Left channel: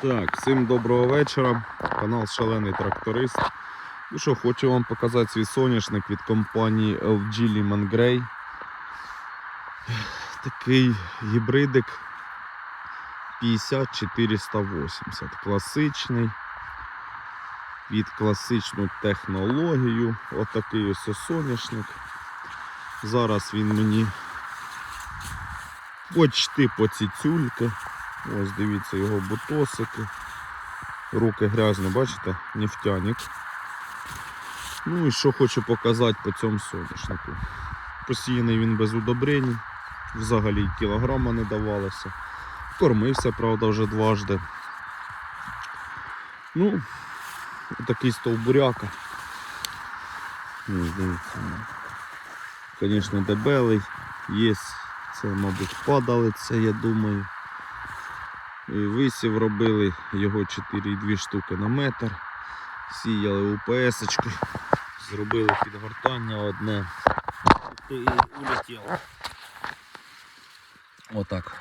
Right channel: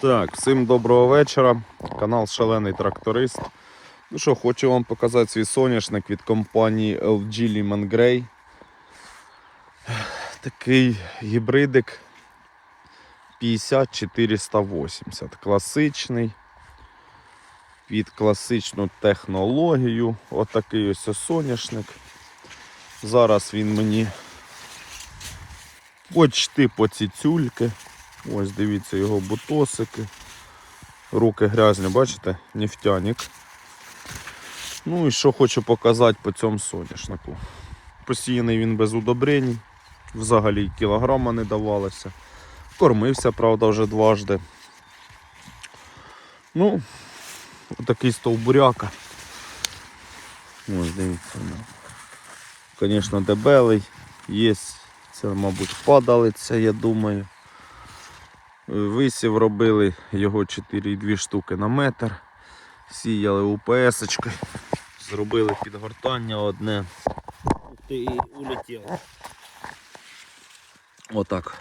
Так, всім доброго вечора. Канал Шалений Тракторист. Ну що, хочу вам показати свій соняшник від компанії LG Lehman Grey. Такий гібридик 50480. Класичний. Під класичну технологію. Отакий ось соняшник. Зараз він мені почти по ціцюльки. Ось дивіться його бутосики. Руки грязні, бачите? Нефтяник. Ну і що хочу показати по цьому соняшнику. Посіяний він без удобрень, взагалі кілограма не давалося. Кормився, правда, вже дважди. Ну, такий стовбуряка. Ось дивіться. ну. Звісно, дебелий. Є, це, мабуть, падалиця, я думаю. Висів робили його 4,2 штуки на метр. Сіяли УПС. -очкою. Зробили підгортання одне. І улетіло. Отак.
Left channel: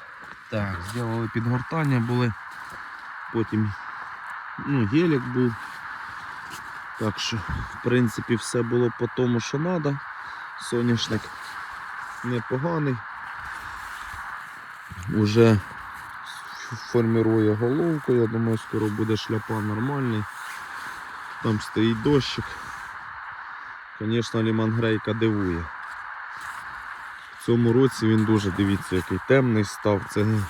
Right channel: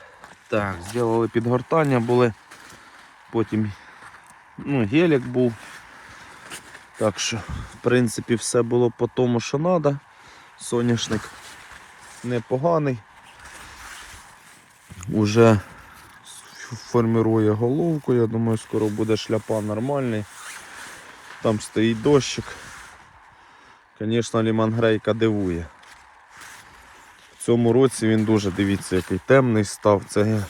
Так, зробили підгортання були. Потім ну, гелік був. Так що, в принципі, все було по тому, що треба. Соняшник непоганий. Уже формирує головку, я думаю, скоро буде шляпа нормальний. Там стоїть дощик. Звісно, лімангрейка дивує. В цьому році він дуже, дивіться, який темний став. Це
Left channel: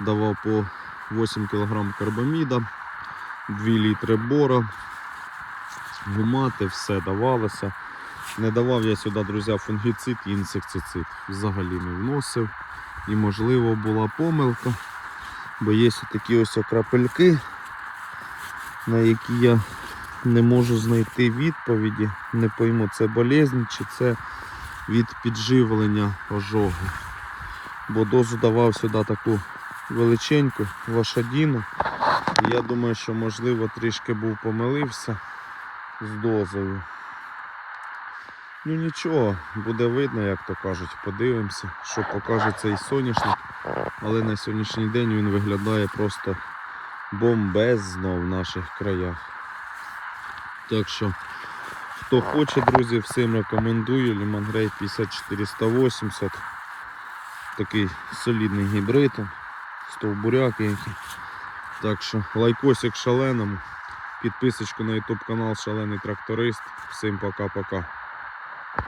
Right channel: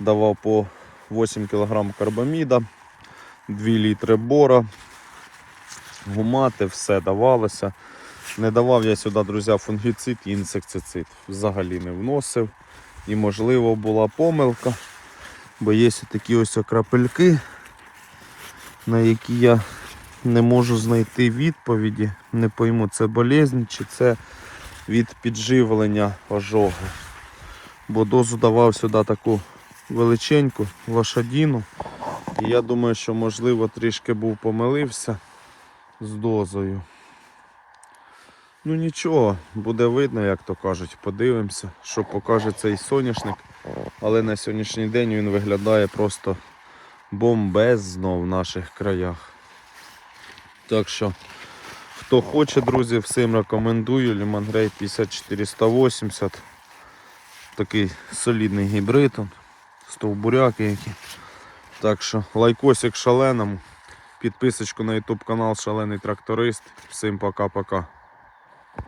давав по 8 кг карбаміда, 2 літри бора, гумати, все давалося. Не давав я сюди, друзі, фунгіцид і інсектицид. Взагалі не вносив. І можливо була помилка. Бо є такі ось крапельки, на які я не можу знайти відповіді. Не пойму, це болезнь чи це від підживлення ожогу. Бо дозу давав сюди таку величеньку лошадіну. І я думаю, що можливо трішки був помилився з дозою. Ну нічого, буде видно, як то кажуть. Подивимося, що покаже цей соняшник. Але на сьогоднішній день він виглядає просто бомбезно в наших краях. Так що, хто хоче, друзі, всім рекомендую. Лімангрей 5480. Такий солідний гібрид. Стовбуряки які. Так що лайкосик шаленому. Підписочку на YouTube канал Шалений Тракторист. Всім пока-пока.